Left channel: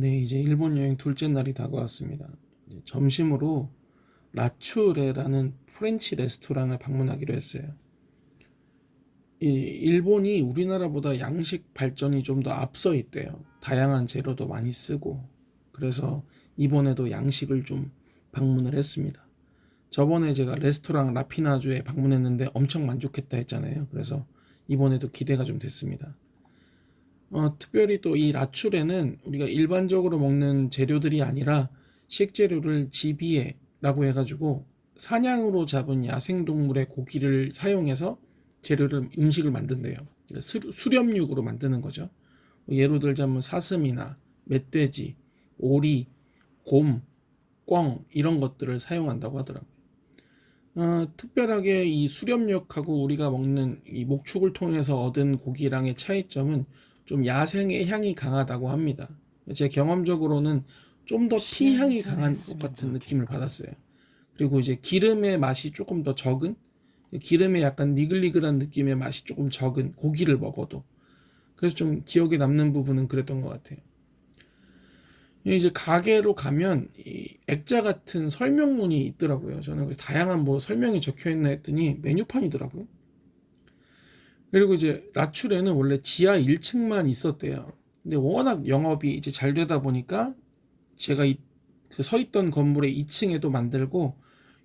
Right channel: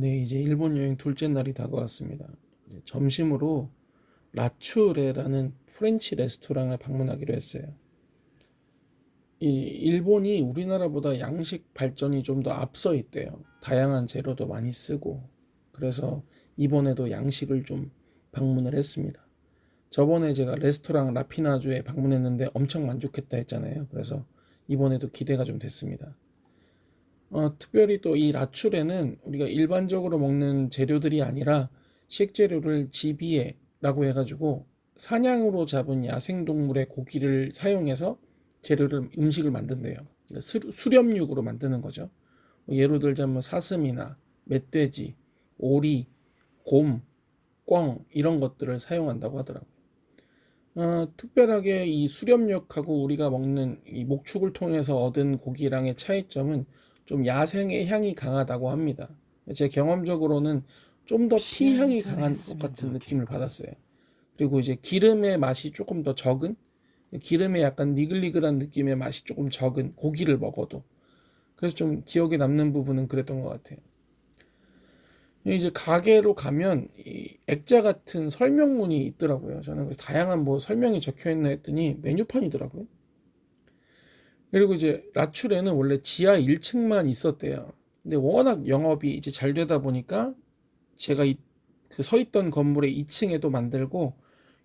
네, 이제 일본 여행 둘째 날이 다가왔습니다. 이제 점심으로 라츄레라는 프렌치 레스토랑을 방문하기로 했어요. 이 일본이 우리나라보다 양식 발전이 좀 더 앞서 있대요. 다양한 재료도 많이 쓰고. 그래서 이번에도 양식을 좀 방문을 했습니다. 저번에 제가 레스토랑 라피나주에 방문했는데 엄청 만족했다 했잖아요. 그래서 이번에도 기대가 좀 됐습니다. 특별히 또 이 라추레는 우리가 일반적으로 먹는 재료들이 아니라 식재료를 지비에라고 해가지고 사냥으로 잡은 야생동물의 고기를 사용해서 재료를 음식을 만든대요. 그러니까 수렵육으로 만드는 거죠. 예로 들자면 사슴이나 멧돼지, 오리, 곰, 꿩 이런 것들을 사용한다고 하더라고요. 특별하게 이 수렵육하고 우리가 먹는 이 목축을 통해서 얻은 고기랑의 차이점은 좀 야생의 향이 강하다고 합니다. 제 경험적으로는 좀 더 피향이 강한 것 피한잔 같은 했으면 느낌을 좋겠고. 받았어요. 그리고 이제 기름의 맛이 조금 더 적은, 기름에 약간 니글니글한 느낌의 맛이 조금 적은 고기를 먹어도. 그래서 좀 기억에 남는 부분은 그랬던 것 같아요. 이제 가게로 가면 이 액자 같은 설명문이 있더라고요. 저는 그래서 다양한 뭐 설명이 적혀 있나 했더니 메뉴판이더라고요. 그리고 이제 라출에는 원래 지하 1층만 있었대요. 근데 워낙 영업이 이제 잘 되다 보니까 제가 그서 있던 건물의 2층에도 만들고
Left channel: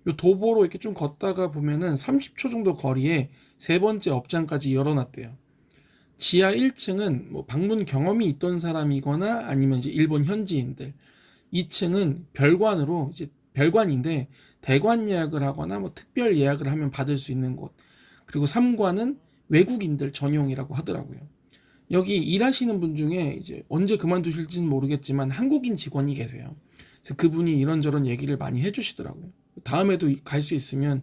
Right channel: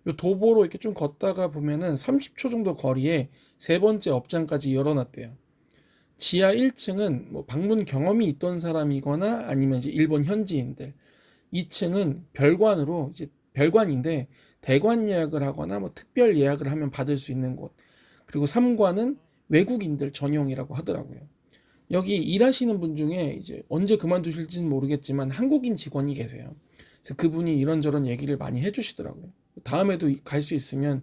요 도보로 이렇게 좀 걷다가 보면은 30초 정도 거리에 세 번째 업장까지 열어놨대요. 지하 1층은 뭐 방문 경험이 있던 사람이거나 아니면 이제 일본 현지인들, 2층은 별관으로 이제 별관인데 대관 예약을 하거나 뭐 특별 예약을 하면 받을 수 있는 곳. 그리고 3관은 외국인들 전용이라고 하더라고요. 여기 일하시는 분 중에 이제 언제 그만두실지는 모르겠지만 한국인 직원이 계세요. 그래서 그분이 이런저런 얘기를 많이 해주시더라고요. 다음에도 갈 수 있으면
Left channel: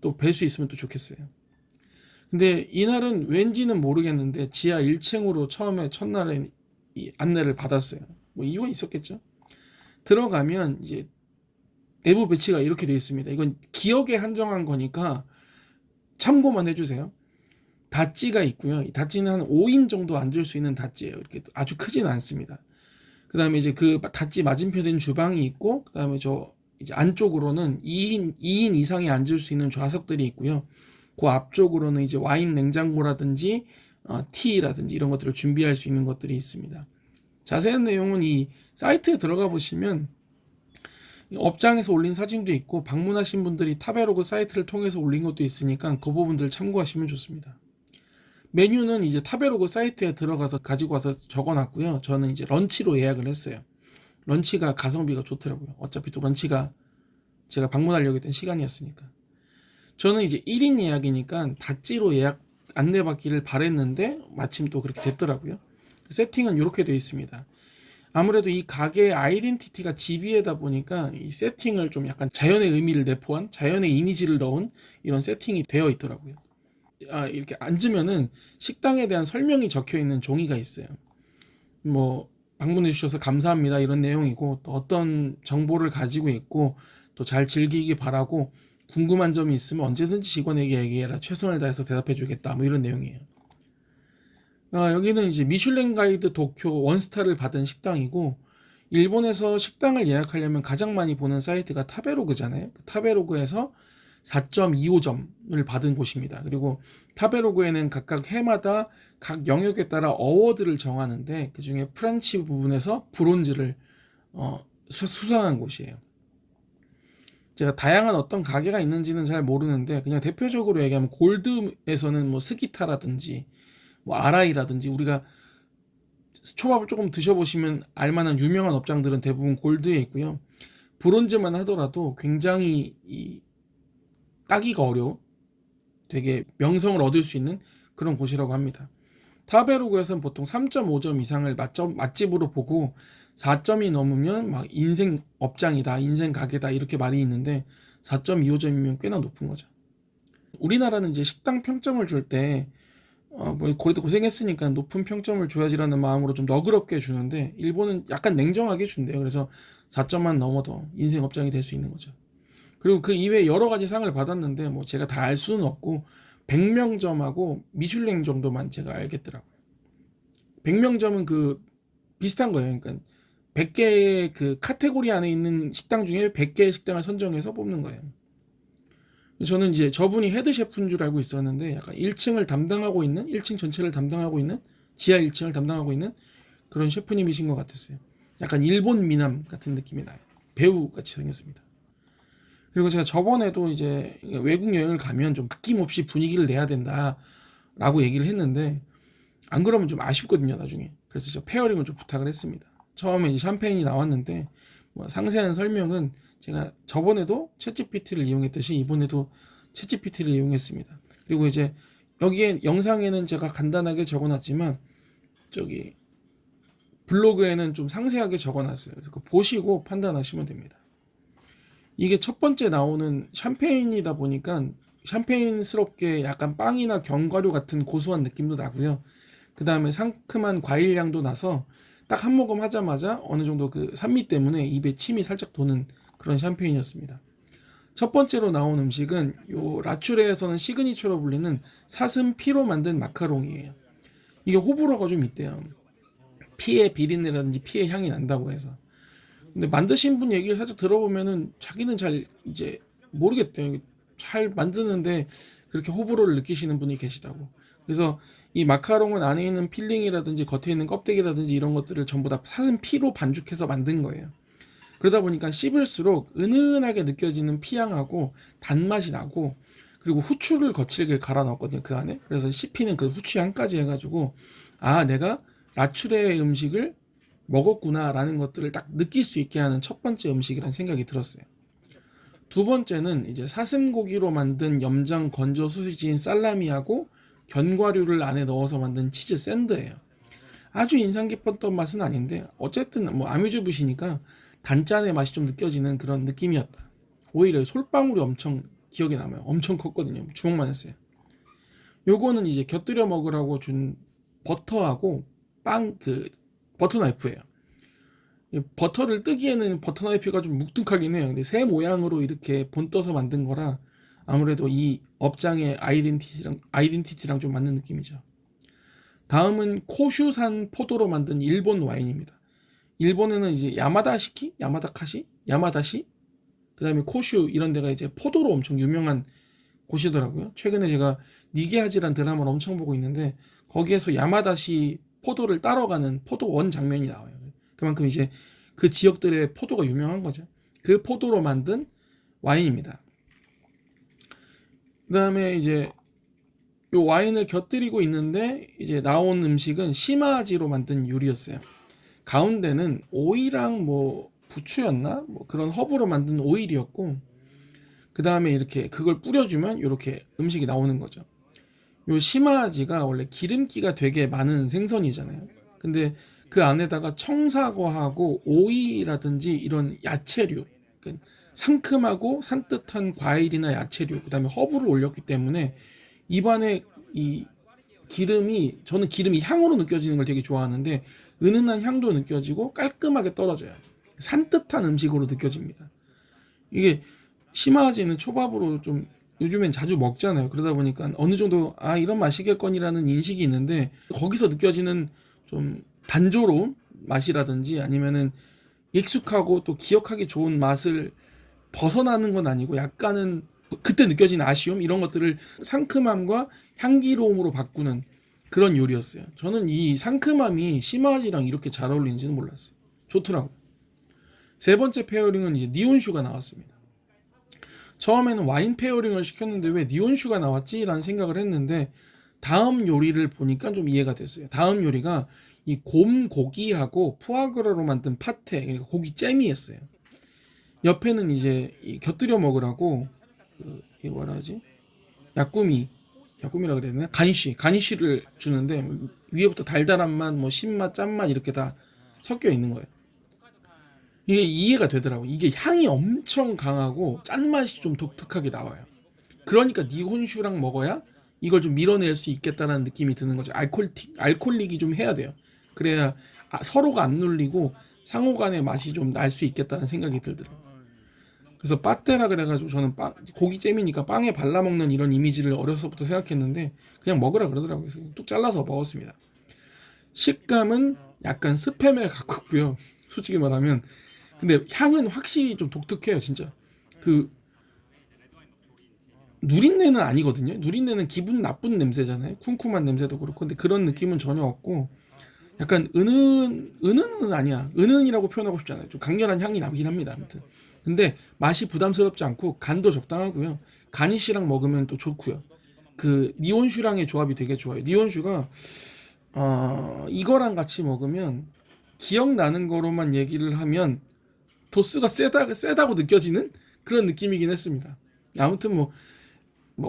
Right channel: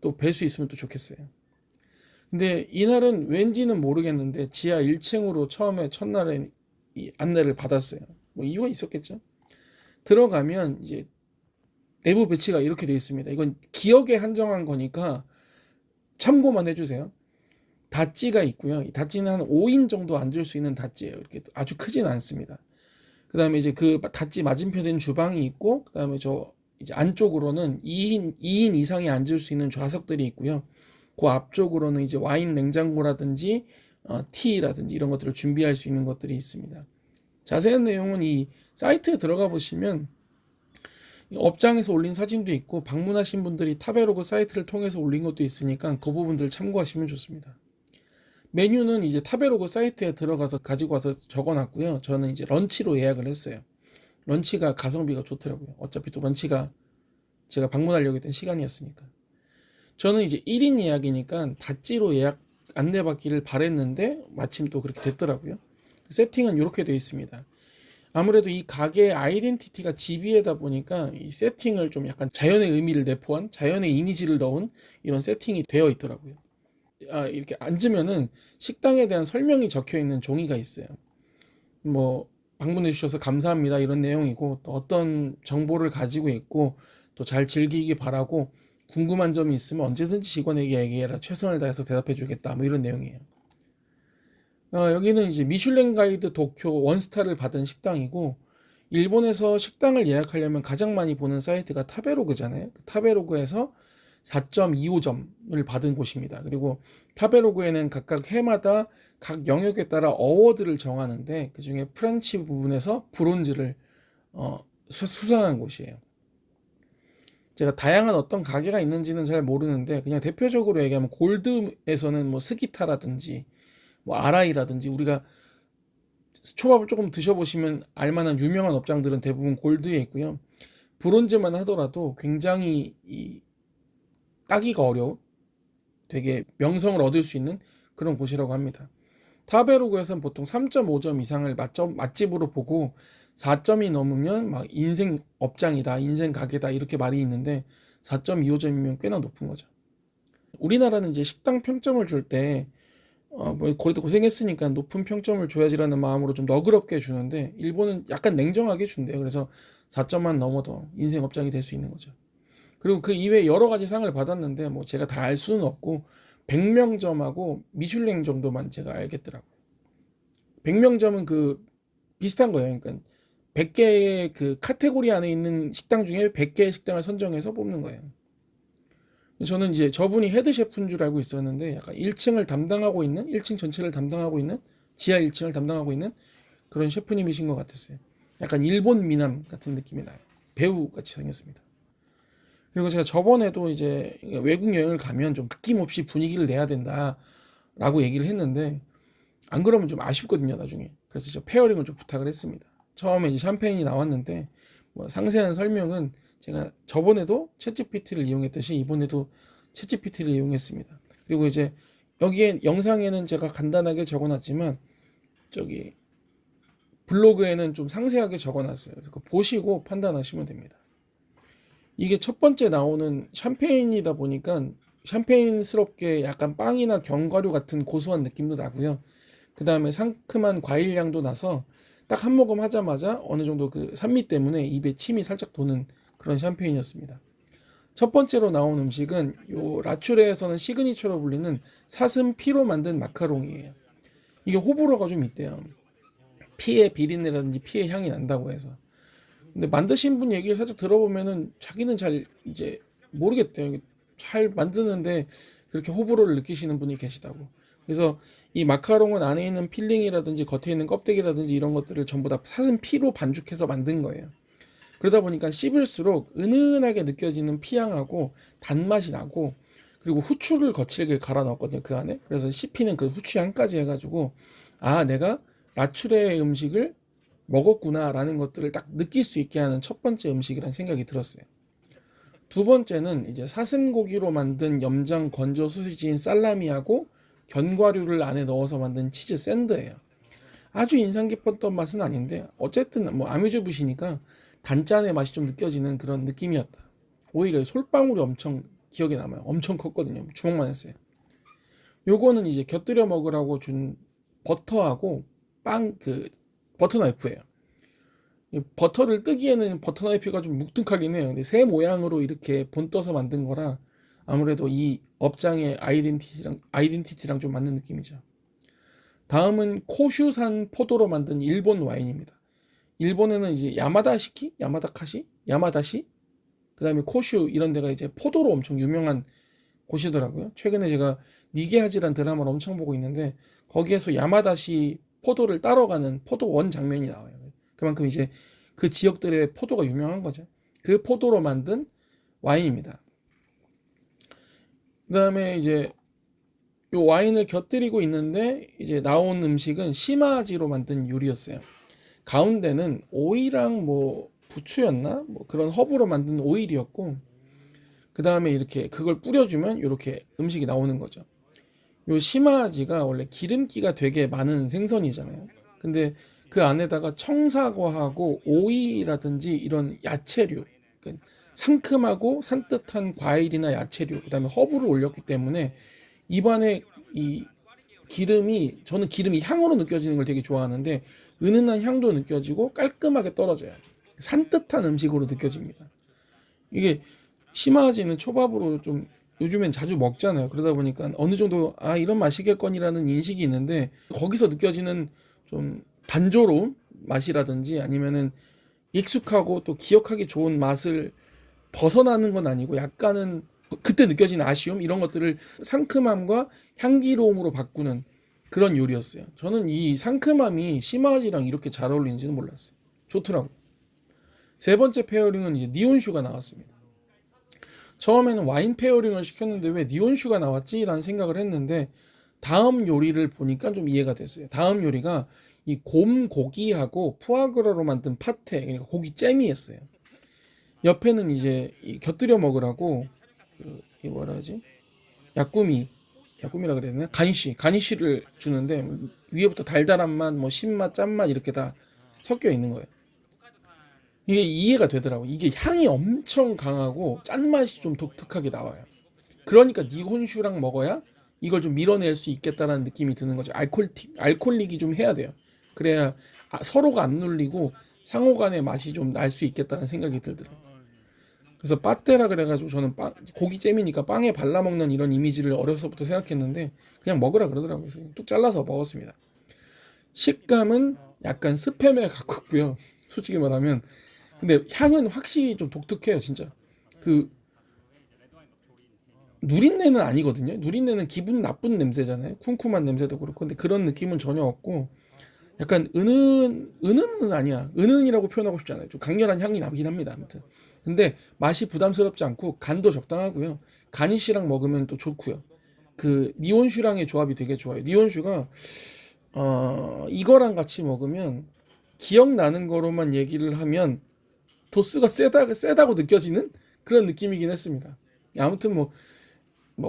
또 뵐 수 있으면 또 좋겠어요. 근데 이날은 왠지는 모르겠는데 지하 1층으로 처음에 첫날에 이 안내를 받았어요. 뭐 이유가 있었겠죠. 들어가면 이제 내부 배치가 이렇게 되어 있습니다. 이건 기억에 한정한 거니까 참고만 해주세요. 닷지가 있고요. 이 닷지는 한 5인 정도 앉을 수 있는 닷지예요. 이렇게 아주 크지는 않습니다. 그 다음에 이제 그 닷지 맞은편에는 주방이 있고, 그 다음에 저 이제 안쪽으로는 2인 이상이 앉을 수 있는 좌석들이 있고요. 그 앞쪽으로는 이제 와인 냉장고라든지 티라든지 이런 것들을 준비할 수 있는 것들이 있습니다. 자세한 내용은 이 사이트에 들어가 보시면 업장에서 올린 사진도 있고 방문하신 분들이 타베로그 사이트를 통해서 올린 것도 있으니까 그 부분들 참고하시면 좋습니다. 메뉴는 이제 타베로그 사이트에 들어가서 가지고 와서 적어놨고요. 저는 이제 런치로 예약을 했어요. 런치가 가성비가 좋더라고요. 어차피 또 런치가 제가 방문하려고 했던 시간이었으니까. 저는 이제 1인 예약이니까 다찌로 예약 안내받기를 바랬는데 마침 또 그렇게 됐더라고요. 세팅은 이렇게 되어 있습니다. 아무래도 이 가게의 아이덴티티가 지비에다 보니까 이 세팅을 좀 약간 자연의 의미를 내포한 자연의 이미지를 넣은 이런 세팅이 되어 있더라고요. 이렇게 앉으면은 식당에 대한 설명이 적혀 있는 종이가 있어요. 뭐 방문해 주셔서 감사합니다 이런 내용이고 또 어떤 정보를 가지고 있고 또 잘 즐기기 바라고 궁금한 점이 있으면 언제든지 직원에게 얘기해라 최선을 다해서 대답해 주겠다 뭐 이런 내용이에요. 여기는 이제 미슐랭 가이드 도쿄 원스타를 받은 식당이고 일본에서 식당을 예약하려면 가장 많이 보는 사이트가 타베로그잖아요. 타베로그에서 4.25점을 받은 곳입니다. 그리고 타베로그에는 각각 해마다 각 영역에 따라 어워드를 정하는데 그 중에 프렌치 부분에서 브론즈를 수상한 곳이에요. 제가 다양한 어떤 가게가 있는지는 잘 모르는데 그냥 대표적으로 얘기하면 골드에서는 뭐 스기타라든지 뭐 아라이라든지 우리가 초밥을 조금 드셔보시면 알만한 유명한 업장들은 대부분 골드에 있고요. 브론즈만 하더라도 굉장히 따기가 어려운 되게 명성을 얻을 수 있는 그런 곳이라고 합니다. 타베로그에서는 보통 3.5점 이상을 맛집으로 보고 4점이 넘으면 막 인생 업장이다, 인생 가게다 이렇게 말이 있는데 4.25점이면 꽤나 높은 거죠. 우리나라는 이제 식당 평점을 줄 때 뭐 그래도 고생했으니까 높은 평점을 줘야지라는 마음으로 좀 너그럽게 주는데 일본은 약간 냉정하게 준대요. 그래서 4점만 넘어도 인생 업장이 될 수 있는 거죠. 그리고 그 이외에 여러 가지 상을 받았는데 뭐 제가 다 알 수는 없고 100명점하고 미슐랭 정도만 제가 알겠더라고요. 100명점은 그 비슷한 거예요. 그러니까 100개의 그 카테고리 안에 있는 식당 중에 100개의 식당을 선정해서 뽑는 거예요. 저는 이제 저분이 헤드 셰프인 줄 알고 있었는데 약간 1층을 담당하고 있는 1층 전체를 담당하고 있는 지하 1층을 담당하고 있는 그런 셰프님이신 것 같았어요. 약간 일본 미남 같은 느낌이 나요. 배우 같이 생겼습니다. 그리고 제가 저번에도 이제 외국 여행을 가면 좀 아낌없이 분위기를 내야 된다라고 얘기를 했는데 안 그러면 좀 아쉽거든요 나중에. 그래서 저 페어링을 좀 부탁을 했습니다. 처음에 이제 샴페인이 나왔는데 뭐 상세한 설명은 제가 저번에도 챗GPT를 이용했듯이 이번에도 챗GPT를 이용했습니다. 그리고 이제 여기에 영상에는 제가 간단하게 적어놨지만 저기 블로그에는 좀 상세하게 적어놨어요. 그래서 그거 보시고 판단하시면 됩니다. 이게 첫 번째 나오는 샴페인이다 보니까 샴페인스럽게 약간 빵이나 견과류 같은 고소한 느낌도 나고요. 그 다음에 상큼한 과일 향도 나서 딱 한 모금 하자마자 어느 정도 그 산미 때문에 입에 침이 살짝 도는 그런 샴페인이었습니다. 첫 번째로 나온 음식은 요 라츄레에서는 시그니처로 불리는 사슴 피로 만든 마카롱이에요. 이게 호불호가 좀 있대요. 피의 비린내라든지 피의 향이 난다고 해서. 근데 만드신 분 얘기를 살짝 들어보면은 자기는 잘 이제 모르겠대요. 잘 만드는데 그렇게 호불호를 느끼시는 분이 계시다고. 그래서 이 마카롱은 안에 있는 필링이라든지 겉에 있는 껍데기라든지 이런 것들을 전부 다 사슴 피로 반죽해서 만든 거예요. 그러다 보니까 씹을수록 은은하게 느껴지는 피향하고 단맛이 나고 그리고 후추를 거칠게 갈아 넣었거든요 그 안에. 그래서 씹히는 그 후추 향까지 해가지고 아 내가 라츄레 음식을 먹었구나라는 것들을 딱 느낄 수 있게 하는 첫 번째 음식이라는 생각이 들었어요. 두 번째는 이제 사슴고기로 만든 염장 건조 소시지인 살라미하고 견과류를 안에 넣어서 만든 치즈 샌드예요. 아주 인상 깊었던 맛은 아닌데 어쨌든 뭐 아뮤즈붓이니까 단짠의 맛이 좀 느껴지는 그런 느낌이었다. 오히려 솔방울이 엄청 기억에 남아요. 엄청 컸거든요. 주먹만 했어요. 요거는 이제 곁들여 먹으라고 준 버터하고 빵 그 버터 나이프예요. 버터를 뜨기에는 버터 나이프가 좀 묵뚝하긴 해요. 근데 새 모양으로 이렇게 본떠서 만든 거라 아무래도 이 업장의 아이덴티티랑 좀 맞는 느낌이죠. 다음은 코슈산 포도로 만든 일본 와인입니다. 일본에는 이제 야마다시키, 야마다카시, 야마다시, 그다음에 코슈 이런 데가 이제 포도로 엄청 유명한 곳이더라고요. 최근에 제가 니게하지란 드라마를 엄청 보고 있는데 거기에서 야마다시 포도를 따러가는 포도원 장면이 나와요. 그만큼 이제 그 지역들의 포도가 유명한 거죠. 그 포도로 만든 와인입니다. 그다음에 이제 요 와인을 곁들이고 있는데 이제 나온 음식은 시마지로 만든 요리였어요. 가운데는 오이랑 뭐 부추였나? 뭐 그런 허브로 만든 오일이었고 그 다음에 이렇게 그걸 뿌려주면 이렇게 음식이 나오는 거죠. 요 시마지가 원래 기름기가 되게 많은 생선이잖아요. 근데 그 안에다가 청사과하고 오이라든지 이런 야채류, 그러니까 상큼하고 산뜻한 과일이나 야채류, 그다음에 허브를 올렸기 때문에 입안에 이 기름이 저는 기름이 향으로 느껴지는 걸 되게 좋아하는데 은은한 향도 느껴지고 깔끔하게 떨어져요. 산뜻한 음식으로 느껴집니다. 이게 시마지는 초밥으로 좀 요즘엔 자주 먹잖아요. 그러다 보니까 어느 정도 아 이런 맛이겠거니라는 인식이 있는데 거기서 느껴지는 좀 단조로운 맛이라든지 아니면은 익숙하고 또 기억하기 좋은 맛을 벗어나는 건 아니고 약간은 그때 느껴진 아쉬움 이런 것들을 상큼함과 향기로움으로 바꾸는 그런 요리였어요. 저는 이 상큼함이 시마지랑 이렇게 잘 어울리는지는 몰랐어요. 좋더라고. 세 번째 페어링은 이제 니온슈가 나왔습니다. 처음에는 와인 페어링을 시켰는데 왜 니온슈가 나왔지? 라는 생각을 했는데 다음 요리를 보니까 좀 이해가 됐어요. 다음 요리가 이 곰 고기하고 푸아그라로 만든 파테, 그러니까 고기 잼이었어요. 옆에는 이제 이 곁들여 먹으라고 이 뭐라 하지? 야꾸미, 야꾸미라 그래야 되나? 가니쉬를 주는데 위에부터 달달한 맛, 뭐 신맛, 짠맛 이렇게 다 섞여 있는 거예요. 이게 이해가 되더라고. 이게 향이 엄청 강하고 짠맛이 좀 독특하게 나와요. 그러니까 니혼슈랑 먹어야 이걸 좀 밀어낼 수 있겠다라는 느낌이 드는 거죠. 알코올릭이 좀 해야 돼요. 그래야 서로가 안 눌리고 상호 간의 맛이 좀 날 수 있겠다는 생각이 들더라고요. 그래서 빠떼라 그래가지고 저는 고기잼이니까 빵에 발라먹는 이런 이미지를 어려서부터 생각했는데 그냥 먹으라 그러더라고요. 그래서 뚝 잘라서 먹었습니다. 식감은 약간 스팸에 가깝고요. 솔직히 말하면. 근데 향은 확실히 좀 독특해요, 진짜. 그 누린내는 아니거든요. 누린내는 기분 나쁜 냄새잖아요. 쿰쿰한 냄새도 그렇고. 근데 그런 느낌은 전혀 없고, 약간 은은은 아니야. 은은이라고 표현하고 싶지 않아요. 좀 강렬한 향이 나긴 합니다. 아무튼. 근데 맛이 부담스럽지 않고 간도 적당하고요. 가니쉬랑 먹으면 또 좋고요. 그 니온슈랑의 조합이 되게 좋아요. 니온슈가 이거랑 같이 먹으면 기억나는 거로만 얘기를 하면 도수가 세다고 느껴지는 그런 느낌이긴 했습니다. 아무튼 뭐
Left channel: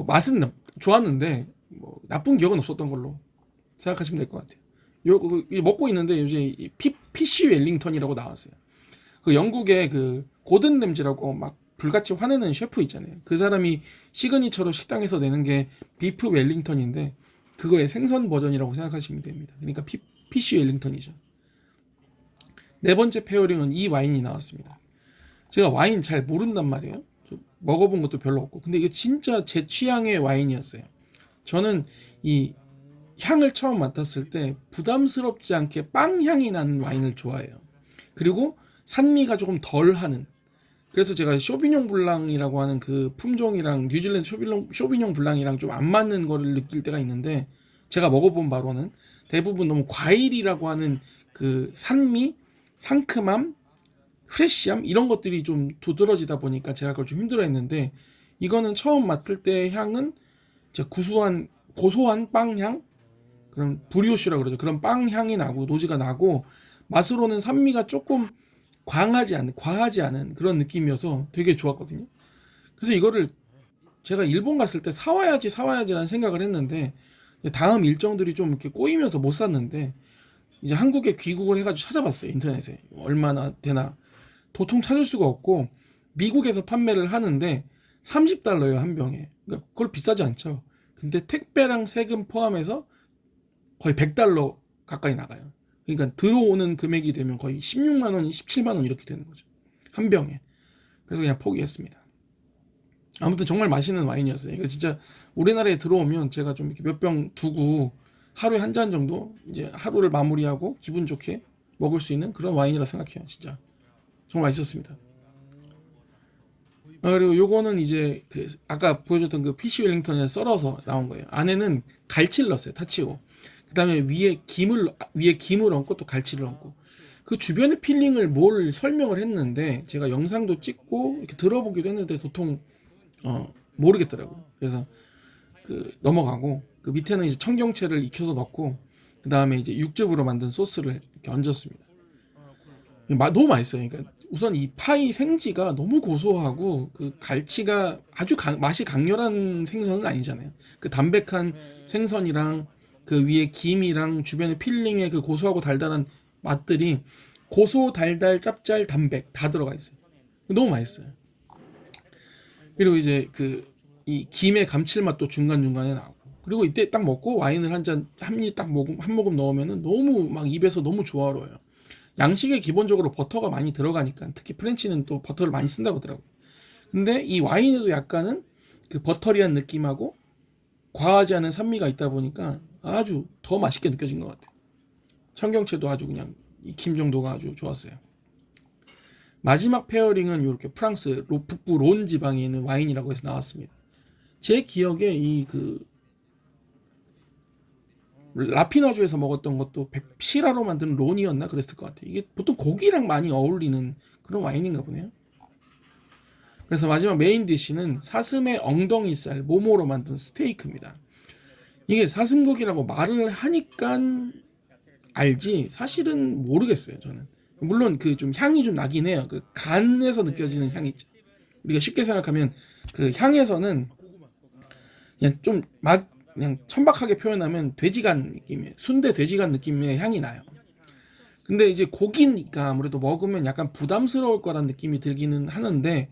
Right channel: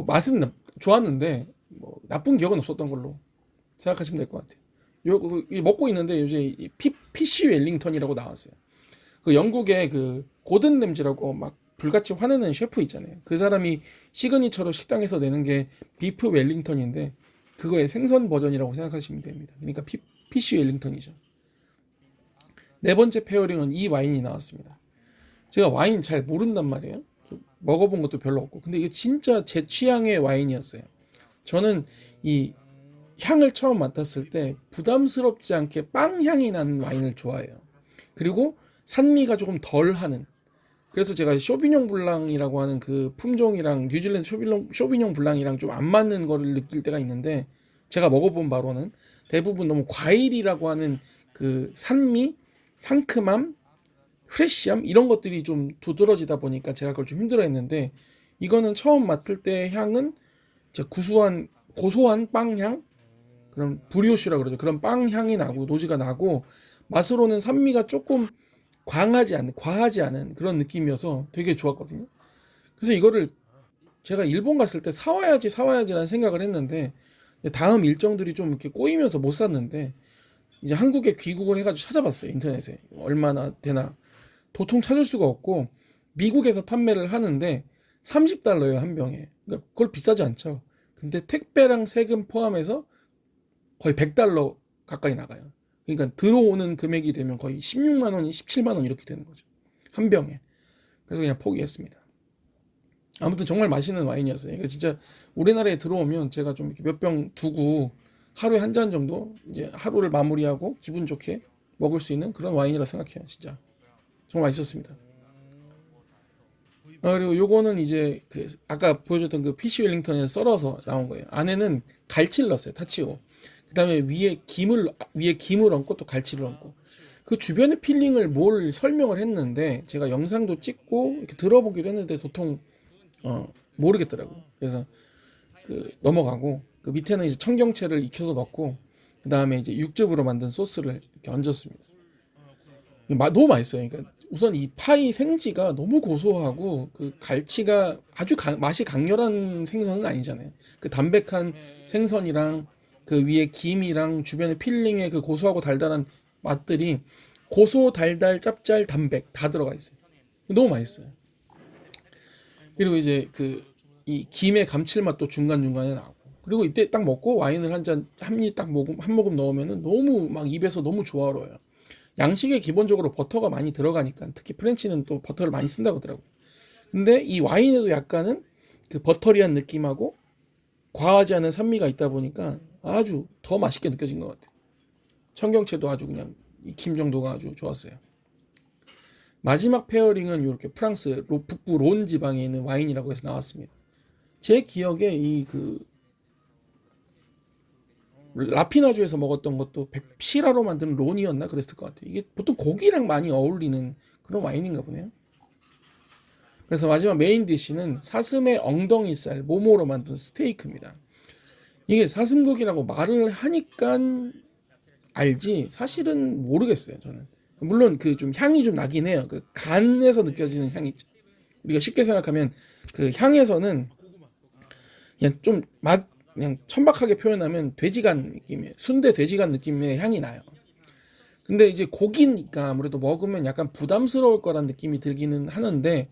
맛은 좋았는데 뭐 나쁜 기억은 없었던 걸로 생각하시면 될 것 같아요. 먹고 있는데 요새 PC 웰링턴이라고 나왔어요. 그 영국의 그 고든 램지라고 막 불같이 화내는 셰프 있잖아요. 그 사람이 시그니처로 식당에서 내는 게 비프 웰링턴인데 그거의 생선 버전이라고 생각하시면 됩니다. 그러니까 PC 웰링턴이죠. 네 번째 페어링은 이 와인이 나왔습니다. 제가 와인 잘 모른단 말이에요. 먹어본 것도 별로 없고. 근데 이거 진짜 제 취향의 와인이었어요. 저는 이 향을 처음 맡았을 때 부담스럽지 않게 빵 향이 나는 와인을 좋아해요. 그리고 산미가 조금 덜 하는. 그래서 제가 쇼비뇽 블랑이라고 하는 그 품종이랑 뉴질랜드 쇼비뇽 블랑이랑 좀 안 맞는 거를 느낄 때가 있는데 제가 먹어본 바로는 대부분 너무 과일이라고 하는 그 산미, 상큼함, 프레쉬함 이런 것들이 좀 두드러지다 보니까 제가 그걸 좀 힘들어했는데 이거는 처음 맡을 때 향은 구수한 고소한 빵향 그런 브리오슈라 그러죠. 그런 빵향이 나고 노지가 나고 맛으로는 산미가 조금 과하지 않은 그런 느낌이어서 되게 좋았거든요. 그래서 이거를 제가 일본 갔을 때 사와야지라는 생각을 했는데 다음 일정들이 좀 이렇게 꼬이면서 못 샀는데 이제 한국에 귀국을 해가지고 찾아봤어요. 인터넷에 얼마나 되나 도통 찾을 수가 없고 미국에서 판매를 하는데 30달러예요 한 병에. 그러니까 그걸 비싸지 않죠. 근데 택배랑 세금 포함해서 거의 100달러 가까이 나가요. 그러니까 들어오는 금액이 되면 거의 16만 원, 17만 원 이렇게 되는 거죠. 한 병에. 그래서 그냥 포기했습니다. 아무튼 정말 맛있는 와인이었어요. 이거 진짜 우리나라에 들어오면 제가 좀 몇 병 두고 하루에 한 잔 정도 이제 하루를 마무리하고 기분 좋게 먹을 수 있는 그런 와인이라 생각해요. 진짜 정말 맛있었습니다. 그리고 요거는 이제 그 아까 보여줬던 그 PC 웰링턴에 썰어서 나온 거예요. 안에는 갈치를 넣었어요. 타치오. 그다음에 위에 김을 얹고 또 갈치를 얹고 그 주변의 필링을 뭘 설명을 했는데 제가 영상도 찍고 이렇게 들어보기도 했는데 도통 모르겠더라고요. 그래서 그 넘어가고 그 밑에는 이제 청경채를 익혀서 넣고 그 다음에 이제 육즙으로 만든 소스를 이렇게 얹었습니다. 너무 맛있어요. 그러니까 우선 이 파이 생지가 너무 고소하고 그 갈치가 아주 맛이 강렬한 생선은 아니잖아요. 그 담백한 생선이랑 그 위에 김이랑 주변에 필링의 그 고소하고 달달한 맛들이 고소, 달달, 짭짤, 담백 다 들어가 있어요. 너무 맛있어요. 그리고 이제 그 이 김의 감칠맛도 중간중간에 나오고 그리고 이때 딱 먹고 와인을 한 모금 넣으면은 너무 막 입에서 너무 조화로워요. 양식에 기본적으로 버터가 많이 들어가니까 특히 프렌치는 또 버터를 많이 쓴다고 하더라고요. 근데 이 와인에도 약간은 그 버터리한 느낌하고 과하지 않은 산미가 있다 보니까 아주 더 맛있게 느껴진 것 같아요. 청경채도 아주 그냥 익힘 정도가 아주 좋았어요. 마지막 페어링은 이렇게 프랑스 북부 론 지방에 있는 와인이라고 해서 나왔습니다. 제 기억에 이 그 라피나주에서 먹었던 것도 시라로 만든 론이었나 그랬을 것 같아요. 이게 보통 고기랑 많이 어울리는 그런 와인인가 보네요. 그래서 마지막 메인 디쉬는 사슴의 엉덩이살 모모로 만든 스테이크입니다. 이게 사슴고기라고 말을 하니까 알지 사실은 모르겠어요 저는. 물론 그 좀 향이 좀 나긴 해요. 그 간에서 느껴지는 향이 있죠. 우리가 쉽게 생각하면 그 향에서는 그냥 좀 그냥 천박하게 표현하면 돼지간 느낌의 순대 돼지간 느낌의 향이 나요. 근데 이제 고기니까 아무래도 먹으면 약간 부담스러울 거란 느낌이 들기는 하는데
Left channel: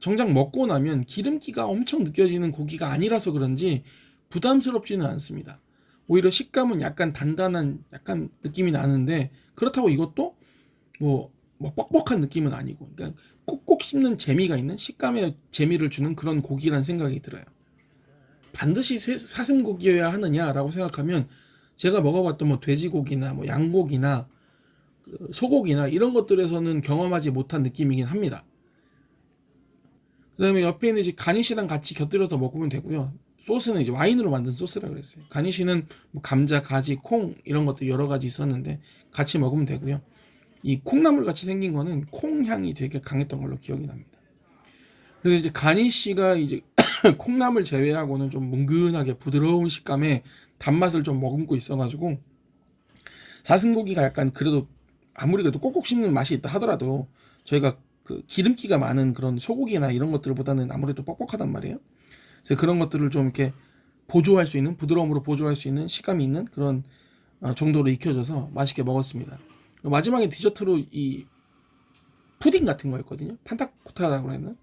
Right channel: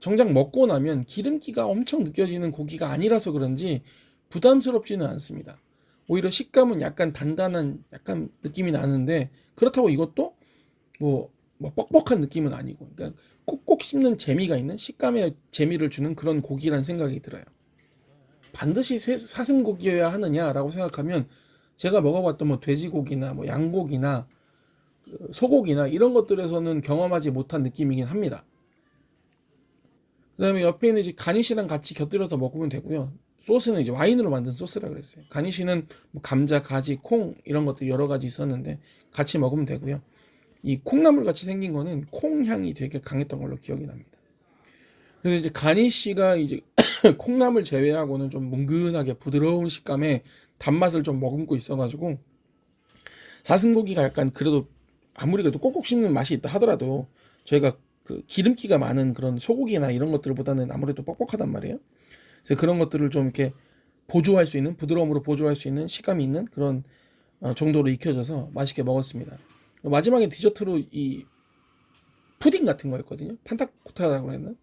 정작 먹고 나면 기름기가 엄청 느껴지는 고기가 아니라서 그런지 부담스럽지는 않습니다. 오히려 식감은 약간 단단한 약간 느낌이 나는데 그렇다고 이것도 뭐 뻑뻑한 느낌은 아니고 그러니까 콕콕 씹는 재미가 있는 식감의 재미를 주는 그런 고기란 생각이 들어요. 반드시 사슴고기여야 하느냐라고 생각하면 제가 먹어봤던 뭐 돼지고기나 뭐 양고기나 소고기나 이런 것들에서는 경험하지 못한 느낌이긴 합니다. 그다음에 옆에 있는 이제 가니쉬랑 같이 곁들여서 먹으면 되고요. 소스는 이제 와인으로 만든 소스라 그랬어요. 가니쉬는 뭐 감자, 가지, 콩 이런 것들 여러 가지 있었는데 같이 먹으면 되고요. 이 콩나물 같이 생긴 거는 콩 향이 되게 강했던 걸로 기억이 납니다. 그래서 이제 가니쉬가 이제 콩나물 제외하고는 좀 뭉근하게 부드러운 식감의 단맛을 좀 머금고 있어가지고 사슴고기가 약간 그래도 아무리 그래도 꼭꼭 씹는 맛이 있다 하더라도 저희가 그 기름기가 많은 그런 소고기나 이런 것들보다는 아무래도 뻑뻑하단 말이에요. 그래서 그런 것들을 좀 이렇게 보조할 수 있는 부드러움으로 보조할 수 있는 식감이 있는 그런 정도로 익혀져서 맛있게 먹었습니다. 마지막에 디저트로 이 푸딩 같은 거였거든요. 판타코타라고 했나?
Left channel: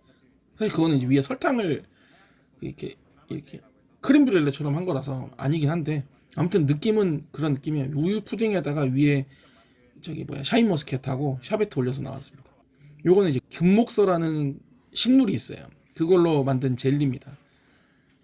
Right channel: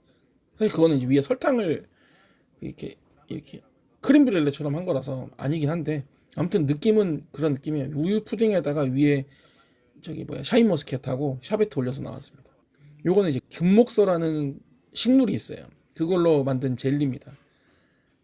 사실 그거는 이제 위에 설탕을 이렇게 이렇게 크림 브렐레처럼 한 거라서 아니긴 한데 아무튼 느낌은 그런 느낌이에요. 우유 푸딩에다가 위에 저기 뭐야 샤인머스켓하고 샤베트 올려서 나왔습니다. 요거는 이제 금목서라는 식물이 있어요. 그걸로 만든 젤리입니다.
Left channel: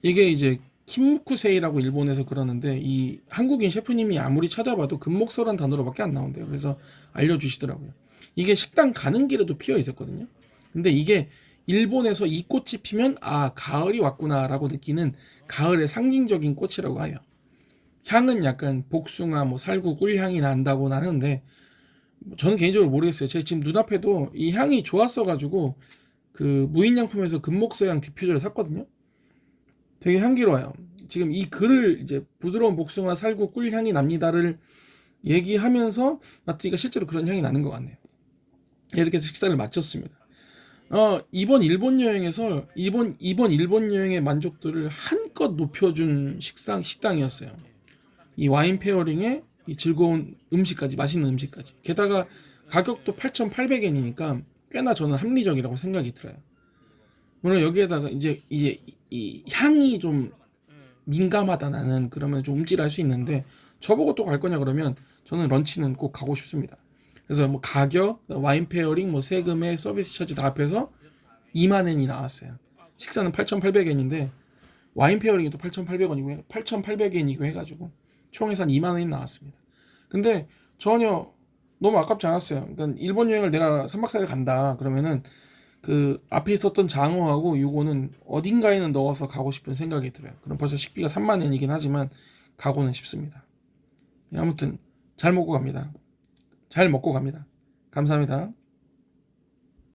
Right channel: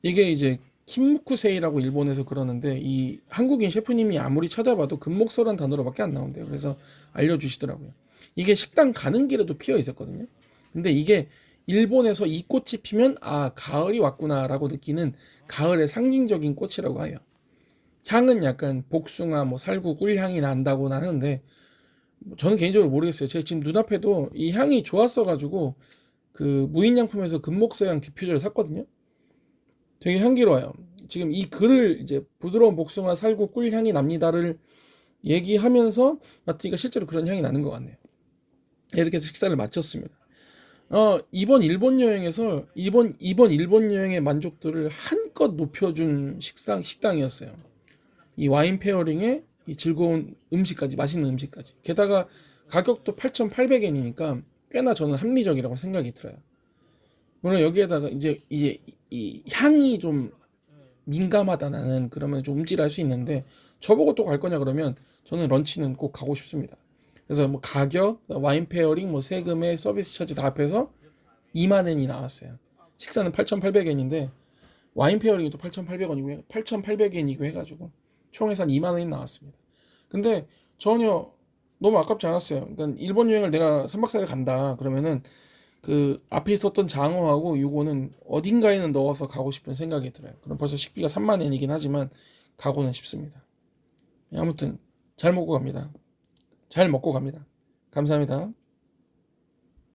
이게 이제 킴무쿠세이라고 일본에서 그러는데 이 한국인 셰프님이 아무리 찾아봐도 금목서란 단어로밖에 안 나온대요. 그래서 알려주시더라고요. 이게 식당 가는 길에도 피어 있었거든요. 근데 이게 일본에서 이 꽃이 피면 아 가을이 왔구나라고 느끼는 가을의 상징적인 꽃이라고 해요. 향은 약간 복숭아, 뭐 살구, 꿀향이 난다고 하는데 저는 개인적으로 모르겠어요. 제 지금 눈앞에도 이 향이 좋았어가지고 그 무인양품에서 금목서향 디퓨저를 샀거든요. 되게 향기로워요. 지금 이 글을 이제 부드러운 복숭아, 살구, 꿀향이 납니다를 얘기하면서 마트니까 실제로 그런 향이 나는 것 같네요. 이렇게 해서 식사를 마쳤습니다. 이번 일본 여행에서 이번 일본 여행의 만족도를 한껏 높여준 식당이었어요. 이 와인 페어링에 이 즐거운 음식까지, 맛있는 음식까지. 게다가 가격도 8,800엔이니까 꽤나 저는 합리적이라고 생각이 들어요. 물론 여기에다가 이제 이 향이 좀 민감하다 나는 그러면 좀 움찔할 수 있는데 저보고 또 갈 거냐 그러면 저는 런치는 꼭 가고 싶습니다. 그래서 뭐 가격, 와인 페어링, 뭐 세금에 서비스 차지 다 합해서 2만 엔이 나왔어요. 식사는 8,800엔인데 와인 페어링이 또 8,800원이고 8,800엔이고 해가지고 총에서 한 2만 원이 나왔습니다. 근데 전혀 너무 아깝지 않았어요. 그러니까 일본 여행을 내가 3박 4일 간다 그러면은 그 앞에 있었던 장어하고 요거는 어딘가에는 넣어서 가고 싶은 생각이 들어요. 그럼 벌써 식비가 3만 엔이긴 하지만 가고는 싶습니다. 아무튼 잘 먹고 갑니다. 잘 먹고 갑니다. 감사합니다.